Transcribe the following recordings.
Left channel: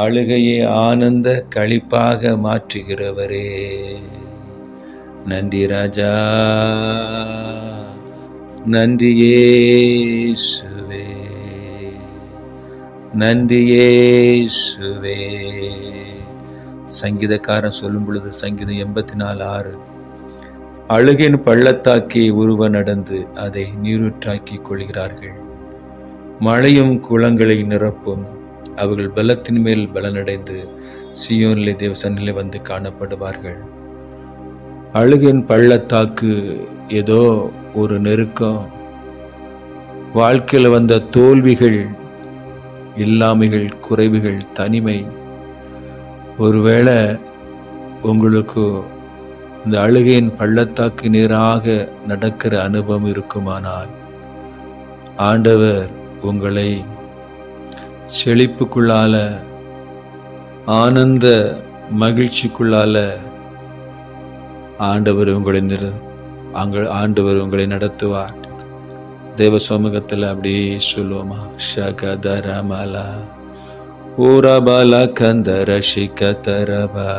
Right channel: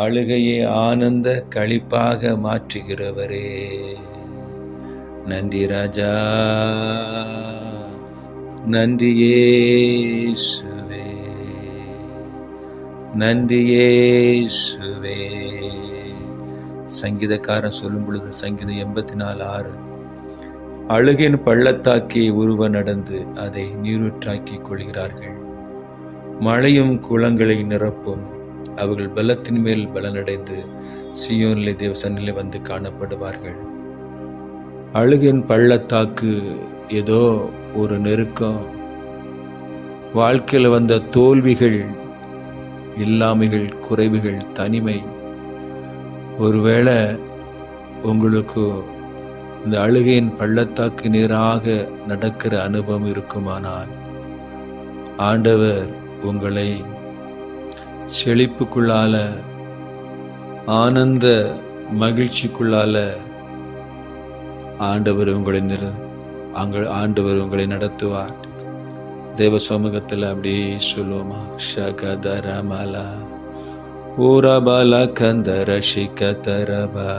அழுகையை ஆனந்த களிப்பாக மாற்றுகிறவரே, நன்றி ராஜா, நன்றி இயேசுவே, நன்றி இயேசுவே. சங்கீதக்காரன் சொல்லும் பொழுது சங்கீதம் 84:6, அழுகின் பள்ளத்தாக்கி ஒருவர் நடந்து அதை நீரூற்றாக்கிக் கொள்கிறார்கள். மழையும் குளங்களை நிரப்பும். அவர்கள் பலத்தின் மேல் பலனடைந்து சீயோனிலே தேவ சந்நிதியிலே வந்து காணப்படுவார்கள். அழுகின் பள்ளத்தாக்கு ஏதோ ஒரு நெருக்கம், வாழ்க்கையில் வந்த தோல்விகள், இல்லாமைகள், குறைவுகள், தனிமை. ஒருவேளை உங்களுக்கு இந்த அழுகையின் பள்ளத்தாக்கு நேராக நடக்கிற அனுபவம் இருக்குமானால், ஆண்டவர் உங்களை செழிப்புக்குள்ளால, ஆனந்த மகிழ்ச்சிக்குள்ளால ஆண்டவர் உங்களை நடத்துவார். தேவ சமூகத்தில் அப்படியே சொல்லுவோமா? ஷகதரமலா ஊரபாலா கந்தர ஷிகதரபா.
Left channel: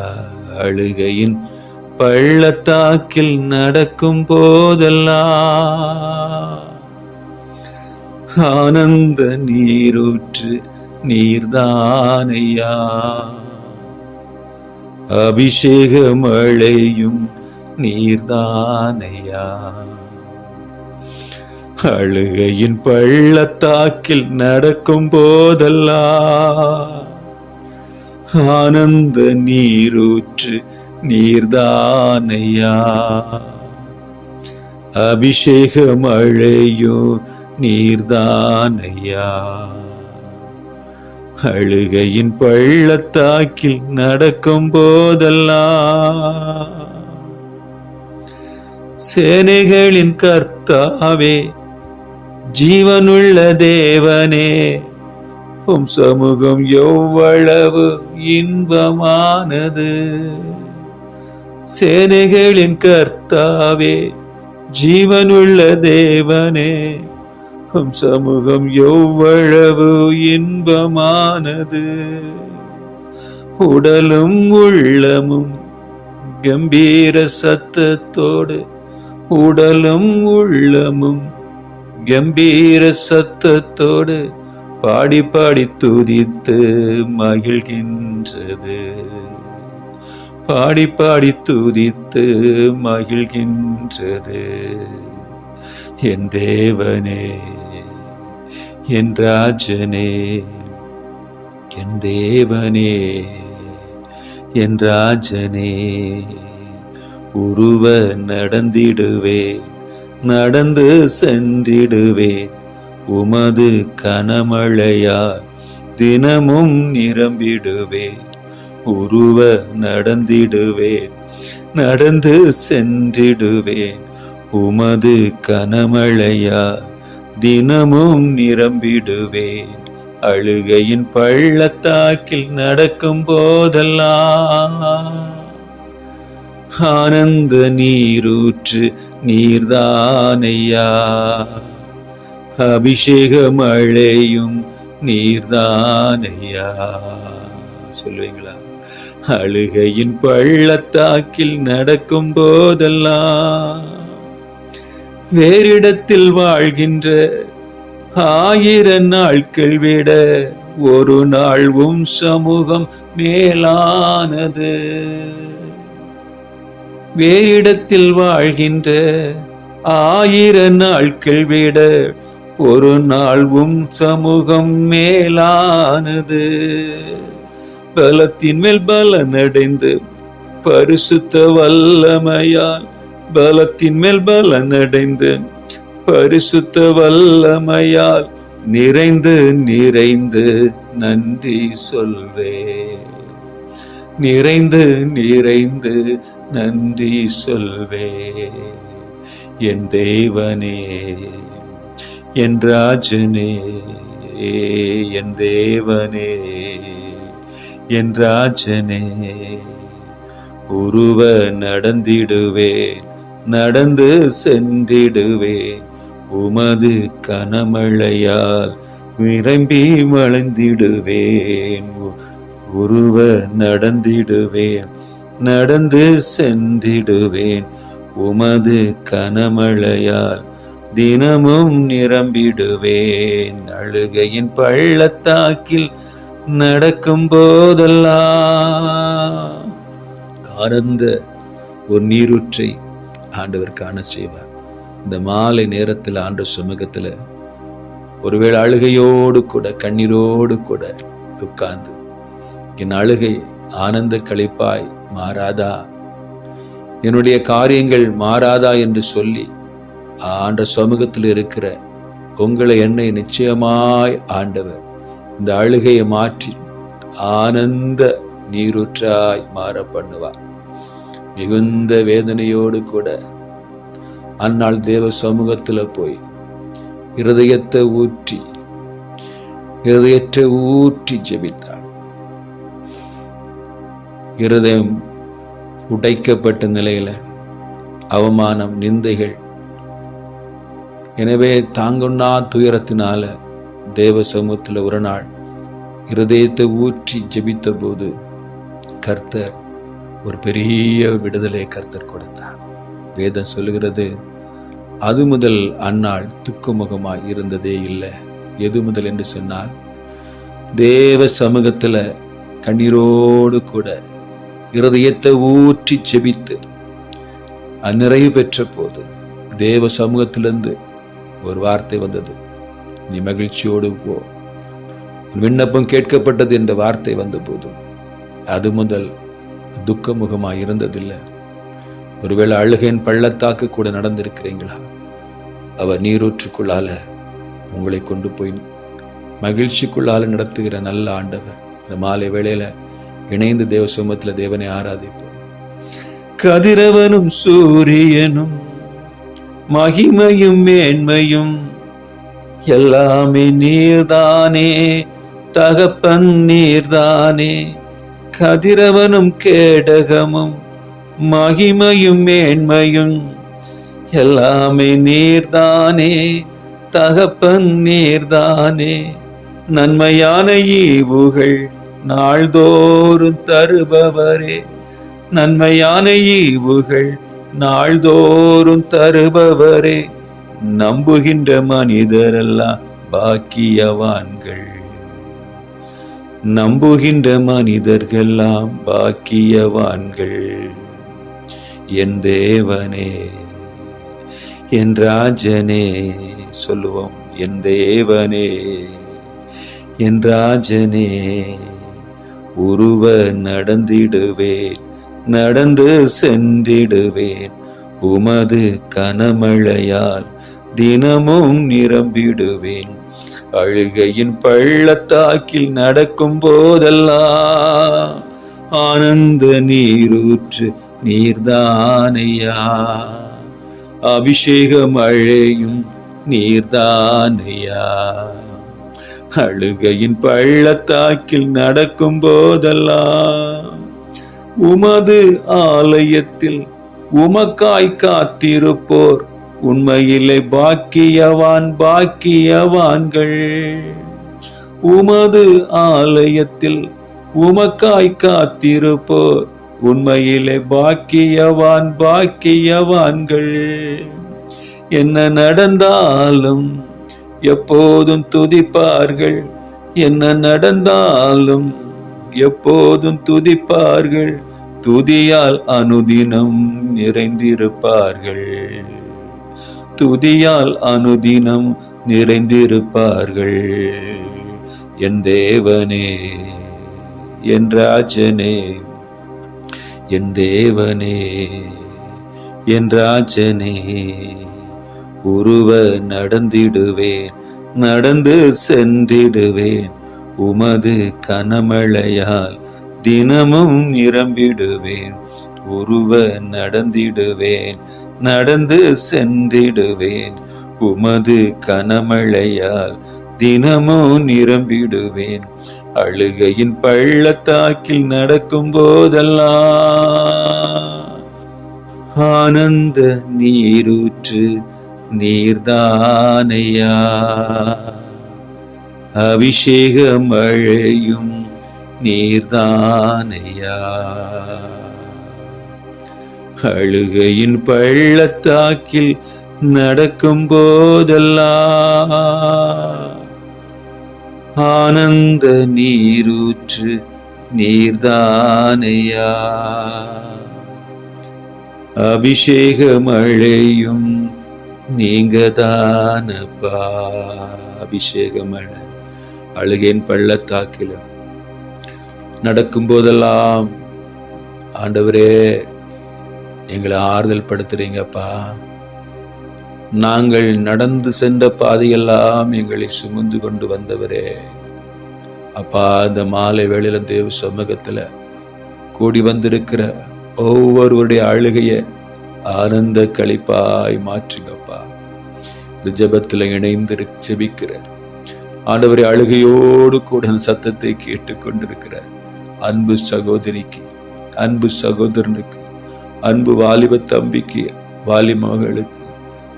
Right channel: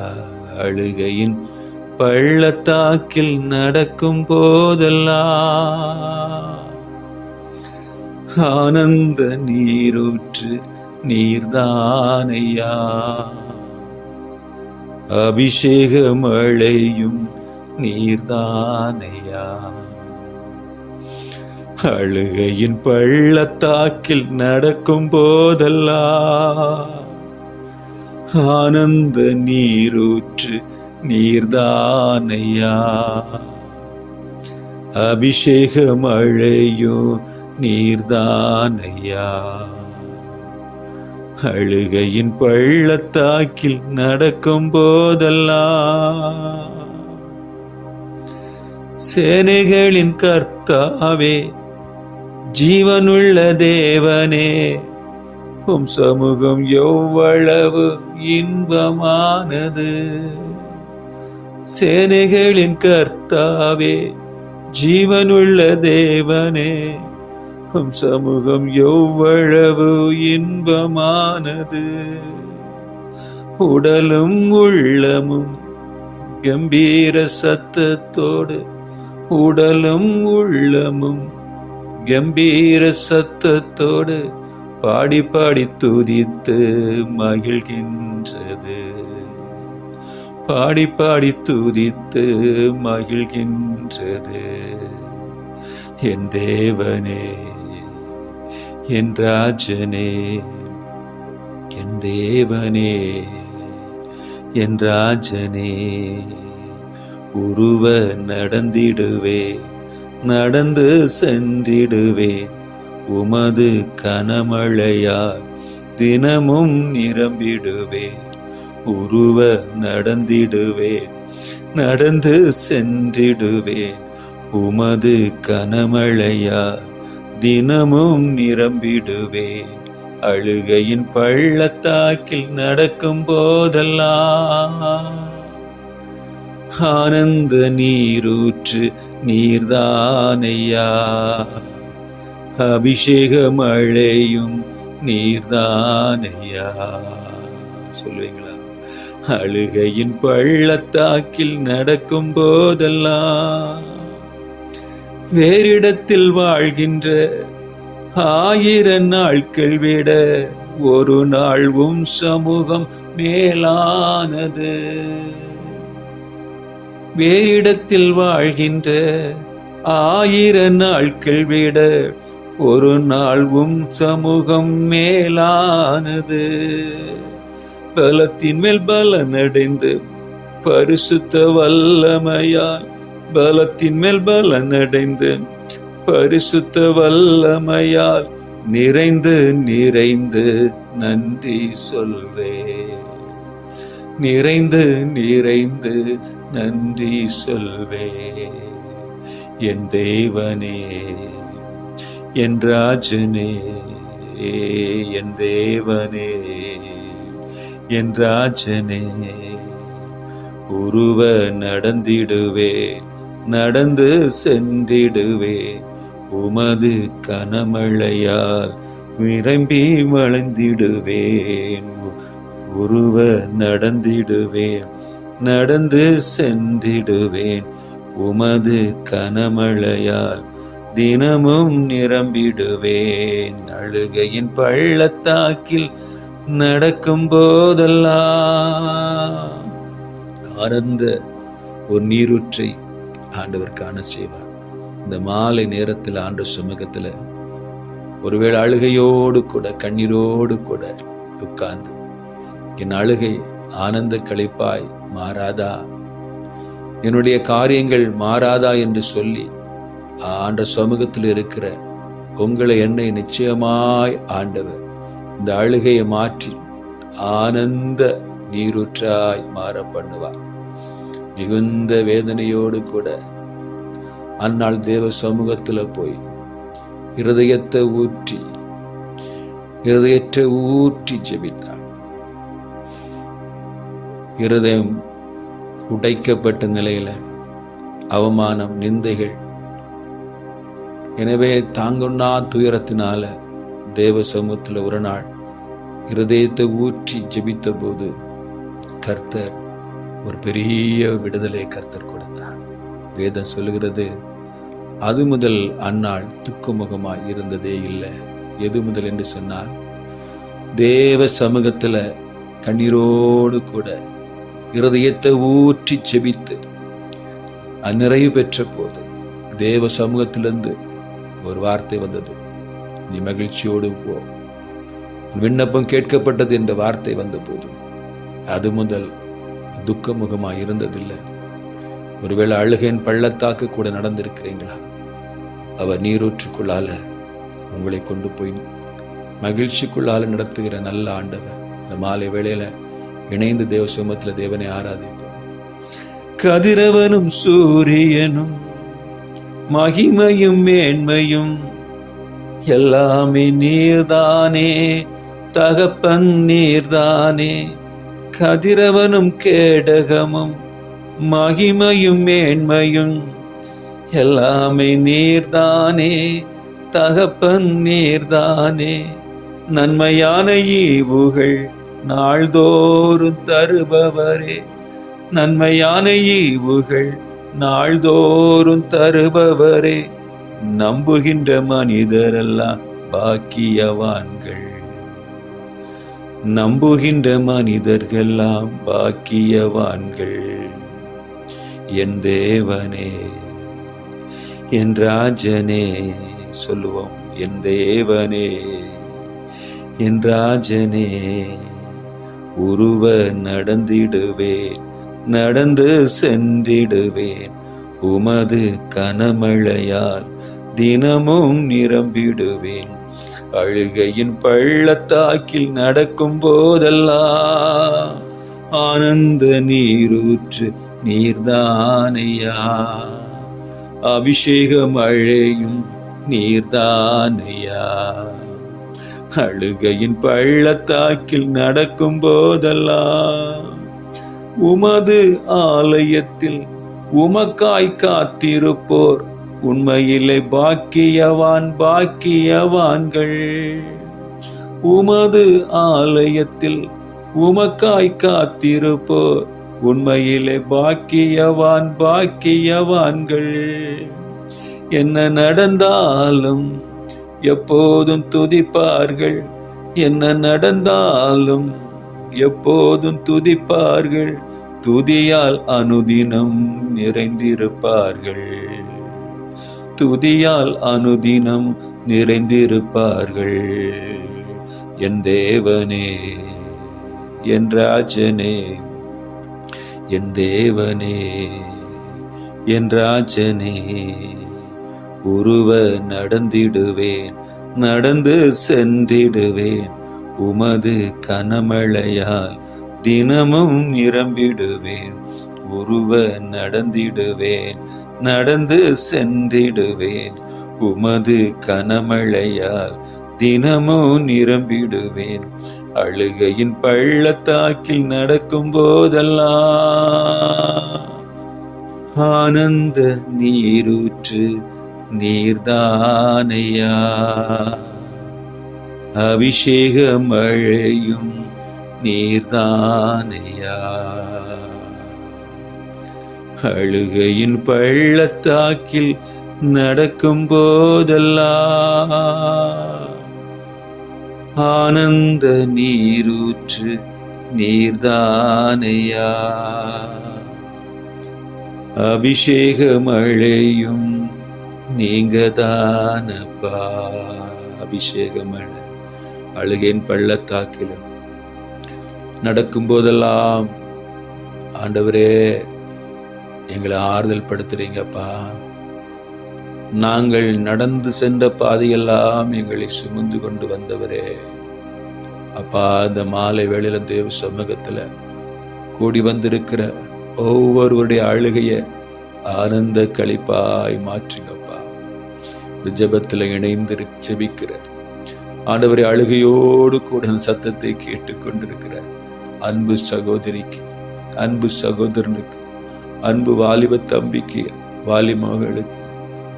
அழுகையின் பள்ளத்தாக்கில் நடக்கும் போதெல்லாம் ஆனந்த நீரூற்று நீர்தானையா. அபிஷேக மழையும் நீர்தானையா. அழுகையின் பள்ளத்தாக்கில் நடக்கும் போதெல்லாம் ஆனந்த நீரூற்று நீர்தானையா. அபிஷேக மழையும் நீர்தானையா. அழுகையின் பள்ளத்தாக்கில் நடக்கும் போதெல்லாம் சேனைகளின் கர்த்தாவே, ஜீவனுள்ள தேவனே, உம் சமூகம் எவ்வளவு இன்பமானது. சேனைகளின் கர்த்தாவே, ஜீவனுள்ள தேவனே, உம் சமூகம் எவ்வளவு இன்பமானது. உடலும் உள்ளமும் கம்பீர சத்தத்தோடு, உடலும் உள்ளமும் கம்பீர சத்தத்தோடு பாடி பாடி துதித்து மகிழ்கின்றது. பாடி பாடி துதித்து மகிழ்கின்றது. என் தேவனே, என் ராஜனே, என் தேவனே, என் ராஜனே, உருவ நடந்திடுவே, நடந்து சென்றிடுவே, உமது கனமழையால் தினமும் நிரம்பிடுவே. உருவ நடந்திடுவே, நடந்து சென்றிடுவே, உமது கனமழையால் தினமும் நிரம்பிடுவே. அழுகையின் பள்ளத்தாக்கில் நடக்கும் போதெல்லாம் ஆனந்த நீரூற்று நீர்தானையா. அபிஷேக மழையும் நீர்தானையா. சொல்லுவீங்களா? அழுகையின் பள்ளத்தாக்கில் நடக்கும் போதெல்லாம் வேறிடத்தில் வாழ்கின்ற 1000 நாட்கள் விட ஒரு நாள் உம் சமூகம் மேலானது. வேறிடத்தில் வாழ்கின்ற 1000 நாட்கள் விட ஒரு நாள் உம் சமூகம் மேலானது. பலத்தின் மேல் பலனடைந்து பரிசுத்த வல்லமையால், பலத்தின் மேல் பலனடைந்து பரிசுத்த வல்லமையால் நிறைந்து நிறைந்து நன்றி சொல்வே. நிறைந்து நிறைந்து நன்றி சொல்வே. என் தேவனே, என் ராஜனே, என் தேவனே, என் ராஜனே, உருவ நடந்திடுவே, நடந்து சென்றிடுவே, உமது கனமழையால் நிரம்பி மலர்ந்திடுவேன். உருவ நடந்திடுவேன், நடந்து சென்றிடுவேன். உமது கனமழையால் தினமும் நிரம்பிடுவேன். அழுகையின் பள்ளத்தாக்கில் நடக்கும் போதெல்லாம் ஆனந்த ஒரு நீரூற்றை ஆண்டவர் காண செய்வார். இந்த மாலை நேரத்தில் ஆண்டவர் சமூகத்தில் ஒருவேளை அழுகையோடு கூட கண்ணீரோடு கூட உட்கார்ந்து, என் அழுகை ஆனந்த களிப்பாய் மாறாதா, என்னுடைய காரியங்கள் மாறாதா என்று சொல்லி ஆண்டவர் சமூகத்தில் இருக்கிற உங்களை என்னை நிச்சயமாய் ஆண்டவர் இந்த அழுகையை மாற்றி ஆனந்த நீரூற்றாய் மாற பண்ணுவார். மிகுந்த வேதனையோடு கூட அந்நாள் தேவ சமூகத்துல போய் இருதயத்தை ஊற்றி ஜெபித்தாள். இருதயம் உடைக்கப்பட்ட நிலையில அவமானம், நிந்தைகள், எனவே தாங்கொண்ணா துயரத்தினால தேவ சமூகத்துல ஒரு நாள் இருதயத்தை ஊற்றி ஜெபித்த போது கர்த்தர் ஒரு பெரிய விடுதலை கர்த்தர் கொடுத்தார். வேதம் சொல்லுகிறது, அது முதல் அந்நாள் துக்குமுகமாய் இருந்ததே இல்லை. எது முதல் என்று சொன்னால், தேவ சமூகத்துல கண்ணீரோடு கூட இருதயத்தை ஊற்றி ஜெபித்து நிறைவு பெற்ற போது தேவ சமூகத்திலிருந்து ஒரு வார்த்தை வந்தது, நீ மகிழ்ச்சியோடு போ, விண்ணப்பம் கேட்கப்பட்டது என்ற வார்த்தை வந்த போது அது முதல் துக்கமுகமாய் இருந்ததில்லை. ஒருவேளை அழுகையின் பள்ளத்தாக்கு கூட நடந்திருக்கிறீங்களா? அவர் நீரூற்றுக்குள்ளால உங்களை கொண்டு போய் மகிழ்ச்சிக்குள்ளால நடத்துகிற நல்ல ஆண்டவர். இந்த மாலை வேளையில இணைந்து தேவ சமூகத்தில் தேவனை ஆராதிப்போம். கதிரவனும் சூரியனும் மகிமையும் மேன்மையும் எல்லாமே நீர்தானே, தகப்பன் நீர்தானே. கதிரவனும் கேடகமும் மகிமையும் மேன்மையும் எல்லாமே நீர்தானே, தகப்பன் நீர்தானே. நன்மையான ஈவுகள் நாள்தோறும் தருபவரே, நன்மையான ஈவுகள் நாள்தோறும் தருபவரே. நம்புகின்ற மனிதரெல்லாம் பாக்கியவான்கள், நம்புகின்ற மனிதர்களெல்லாம் பாக்கியவான்கள். என் தேவனே, என் ராஜனே, சொல்லுவோம், என் தேவனே, என் ராஜனே, உருவ நடந்திடுவேன், நடந்து சென்றிடுவேன். உமது கனமழையால் தினமும் நிரம்பிடுவேன். அழுகையின் பள்ளத்தாக்கில் நடக்கும் போதெல்லாம் ஆனந்த நீரூற்று நீர்தானையா, அபிஷேக மழையும் நீர்தானையா. அழுகையின் பள்ளத்தாக்கில் நடக்கும் போதெல்லாம் உமது ஆலயத்தில் உமக்காய் காத்திருப்போர் உண்மையிலே பாக்கியவான், பாக்கியவான்கள். உமது ஆலயத்தில் உமக்காய் காத்திருப்போர் உண்மையிலே பாக்கியவான், பாக்கியவான்கள். என்ன நடந்தாலும் எப்போதும் துதிப்பார்கள், என்ன நடந்தாலும் எப்போதும் துதிப்பார்கள். துதியால் அனுதினம் நிறைந்திருப்பார்கள், துதியால் அனுதினம் நிறைந்திருப்பார்கள். என் தேவனே, என் ராஜனே, என் தேவனே, என் ராஜனே, உருவ நடந்திடுவேன், நடந்து சென்றிடுவேன். உமது கனமழையால் தினமும் நிரம்பிடுவேன். உருவ நடந்திடுவேன், நடந்து சென்றிடுவேன். உமது கனமழையால் தினமும் நிரம்பிடுவேன். அழுகையின் பள்ளத்தாக்கில் நடக்கும் போதெல்லாம் ஆனந்த நீரூற்று நீர்தானையா, அபிஷேக மழையும் நீர்தானையா. அழுகையின் பள்ளத்தாக்கில் நடக்கும் போதெல்லாம் ஆனந்த நீரூற்று நீர்தானையா. அபிஷேக மழையும் நீங்கதானப்பா. அபிஷேக மழை அழுகையின் பள்ளத்தாக்கில் நடக்கும் போதெல்லாம் ஆண்டவரே எங்களை ஆறுதல் படுத்துறீங்கப்பா. நாங்கள் நடந்து சென்ற பாதையெல்லாம் எங்களை சுமந்து கொண்டு வந்தவரே அப்பா, இந்த மாலை வேளையில தேவ சமூகத்துல கூடி வந்திருக்கிற ஒவ்வொருவருடைய அழுகைய ஆனந்த களிப்பாய் மாற்றுங்கப்பா. இந்த ஜெபத்துல இணைந்து ஜெபிக்கிற ஆண்டவரை அழுகையோடு கூட சத்தத்தை கேட்டுக்கொண்டிருக்கிற அன்பு சகோதரிக்கு, அன்பு சகோதரனுக்கு, அன்பு வாலிப தம்பிக்கு, வாலி மகளுக்கு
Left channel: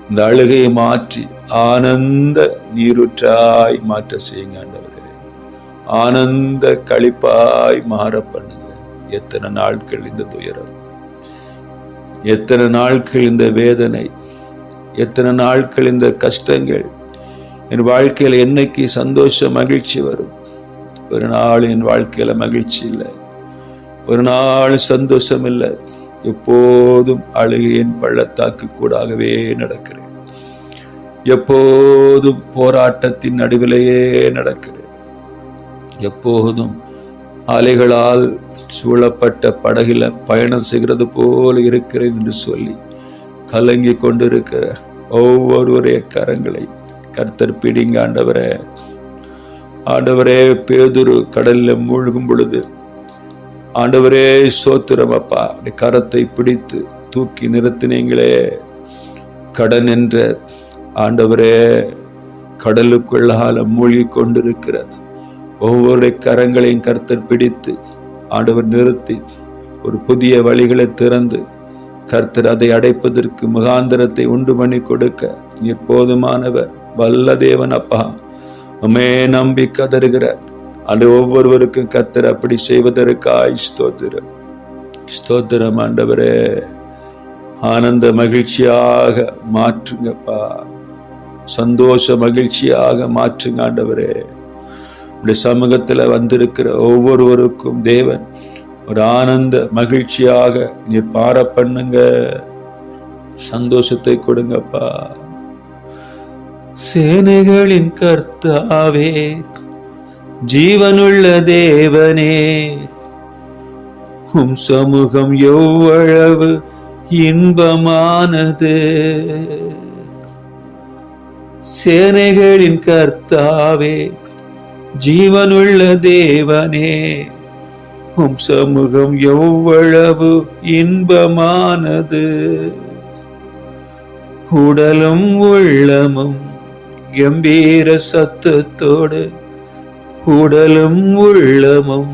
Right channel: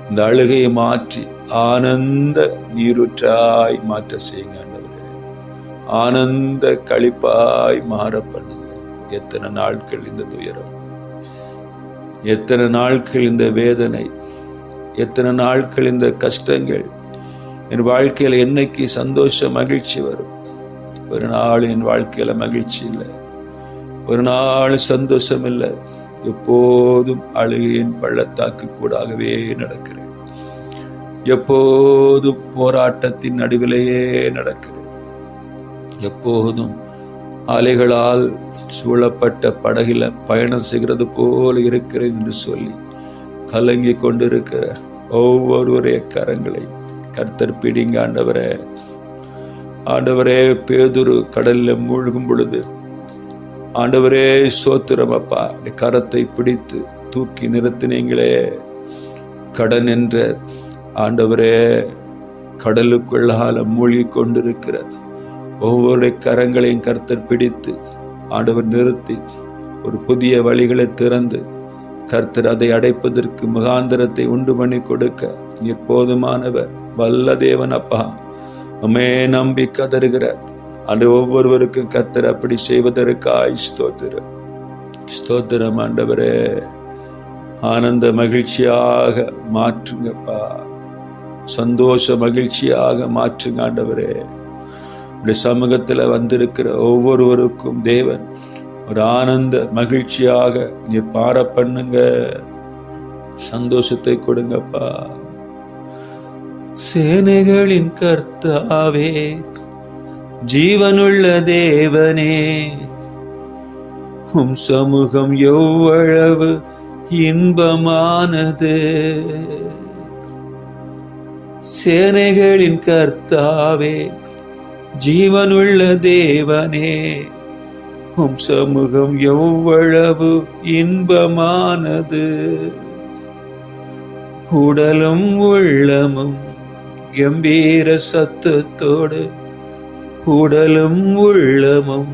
இந்த அழுகையை மாற்றி ஆனந்த நீரூற்றாய் மாற்ற செய்யுங்க ஆண்டவரே. ஆனந்த களிப்பாய் மாற பண்ணுங்க. எத்தனை நாட்கள் இந்த துயரம், எத்தனை நாட்கள் இந்த வேதனை, எத்தனை நாட்கள் இந்த கஷ்டங்கள் என் வாழ்க்கையில என்னைக்கு சந்தோஷம் மகிழ்ச்சி வரும்? ஒரு நாள் என் வாழ்க்கையில மகிழ்ச்சி இல்லை, ஒரு நாள் சந்தோஷம் இல்லை. எப்போதும் அழுகையின் பள்ளத்தாக்கு கூடாகவே நடக்கிறேன். எப்போதும் போராட்டத்தின் நடுவிலேயே நடக்கிறேன். எப்போதும் அலைகளால் சூழப்பட்ட படகில பயணம் செய்கிறது போல இருக்கிறேன் என்று சொல்லி கலங்கி கொண்டிருக்கிற ஒவ்வொருவரைய கரங்களை கர்த்தர் பிடிங்க ஆண்டவரே. ஆண்டவரே, பேதுரு கடல்ல மூழ்கும் பொழுது ஆண்டவரே சோத்திரம் அப்பா, கரத்தை பிடித்து தூக்கி நிறுத்தினீங்களே. கடன் என்ற ஆண்டவரே கடலுக்குள்ளால மூழ்கி கொண்டிருக்கிற ஒவ்வொரு கரங்களையும் கர்த்தர் பிடித்து ஆண்டவர் நிறுத்தி ஒரு புதிய வழிகளை திறந்து கர்த்தர் அதை அடைப்பதற்கு முகாந்திரத்தை உண்டு பண்ணி கொடுக்க நீர் போதுமானவர், வல்ல தேவன் அப்பா. உம்மே நம்பி கதறுகிற அந்த ஒவ்வொருவருக்கும் கர்த்தர் அப்படி செய்வதற்காய் ஸ்தோத்திரம், ஸ்தோத்திரம் ஆண்டவரே. ஆனந்த மகிழ்ச்சியாக மாற்றுங்கப்பா, சந்தோஷ மகிழ்ச்சியாக மாற்றுங்க ஆண்டவரே. உடைய சமூகத்துல வந்திருக்கிற ஒவ்வொருவருக்கும் தேவன் ஒரு ஆனந்த மகிழ்ச்சியாக நீ பார பண்ணுங்க, சந்தோஷத்தை கொடுங்கப்பா. சேனைகளின் கர்த்தாவே, ஜீவனுள்ள தேவனே, உம் சமூகம் எவ்வளவு இன்பமானது. சேனைகளின் கர்த்தாவே, ஜீவனுள்ள தேவனே, உம் சமூகம் எவ்வளவு இன்பமானது. உடலும் உள்ளமும் கம்பீர சத்தத்தோடு, உடலும் உள்ளமும்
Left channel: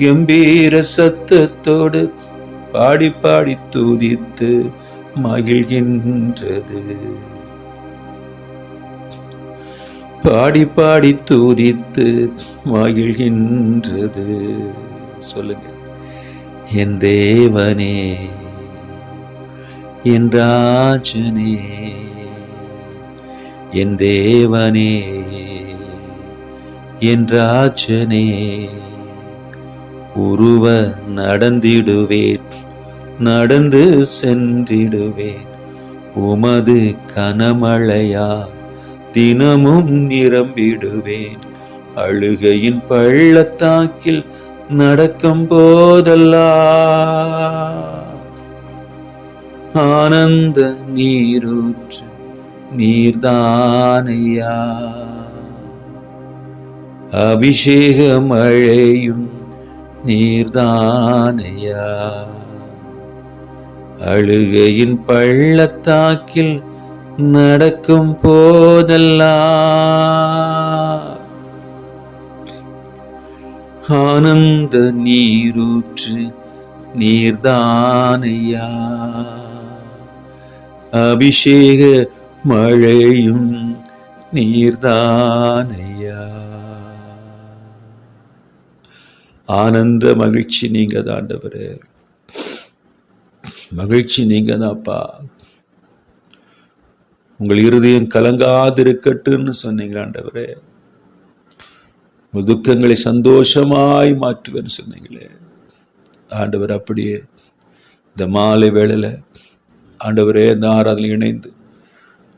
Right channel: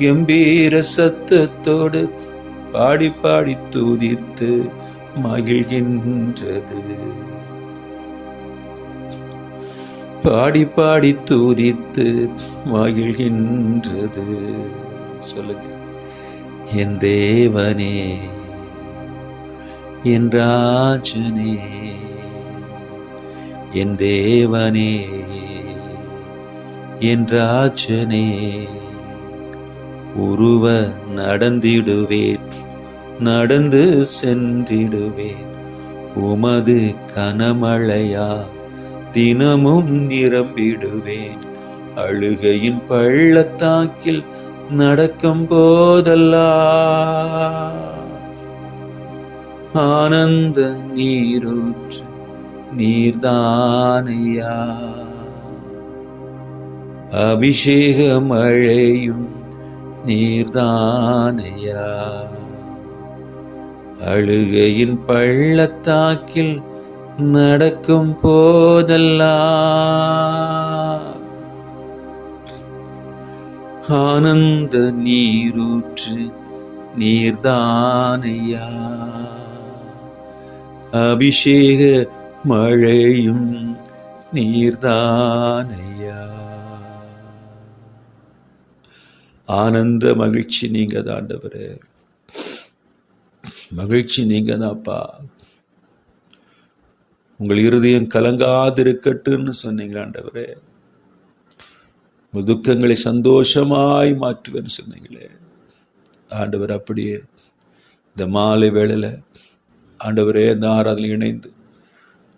கம்பீர சத்தத்தோடு பாடி பாடி துதித்து மகிழ்கின்றது. பாடி பாடி துதித்து மகிழ்கின்றது. சொல்லுங்க. என் தேவனே, என் ராஜனே, என் தேவனே, என் ராஜனே, உருவ நடந்திடுவேன், நடந்து சென்றிடுவேன். உமது கனமழையா தினமும் நிரம்பிடுவேன். அழுகையின் பள்ளத்தாக்கில் நடக்கும் போதெல்லாம் ஆனந்த நீரூற்று நீர்தானையா. அபிஷேக மழையும் நீர்தானையா. அழுகையின் பள்ளத்தாக்கில் நடக்கும் போதெல்லாம் ஆனந்த நீரூற்று நீர்தானையா. அபிஷேக மழையும் நீர்தானையா. ஆனந்த மகிழ்ச்சி நீங்க தான் ஆண்டவரே, மகிழ்ச்சி நீங்க தான்ப்பா. உங்கள் இருதயம் கலங்காதிருக்கட்டுன்னு சொன்னீங்க ஆண்டவரே. உங்கள் துக்கங்களை சந்தோஷமாய் மாற்றுவேன்னு சொன்னீங்களே ஆண்டவர். அப்படியே இந்த மாலை வேளையில ஆண்டவரே இந்த ஆராதனை இணைந்து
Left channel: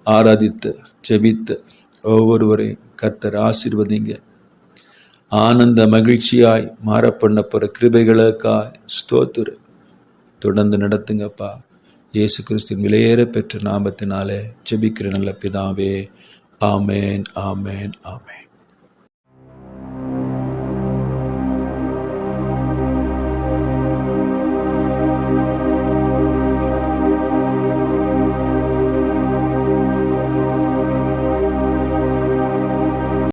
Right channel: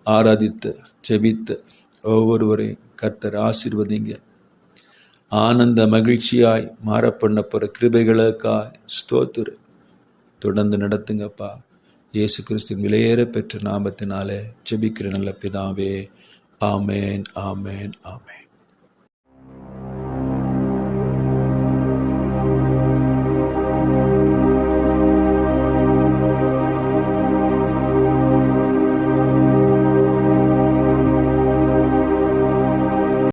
ஆராதித்து ஜெபித்து ஒவ்வொருவரையும் கர்த்தர் ஆசீர்வதிங்க. ஆனந்த மகிழ்ச்சியாய் மாற பண்ண போற கிருபைகளுக்காய் ஸ்தோத்திரம். தொடர்ந்து நடத்துங்கப்பா. இயேசு கிறிஸ்துவின் விலையேற பெற்ற நாமத்தினாலே ஜெபிக்கிற நல்ல பிதாவே. ஆமேன், ஆமேன், ஆமேன்.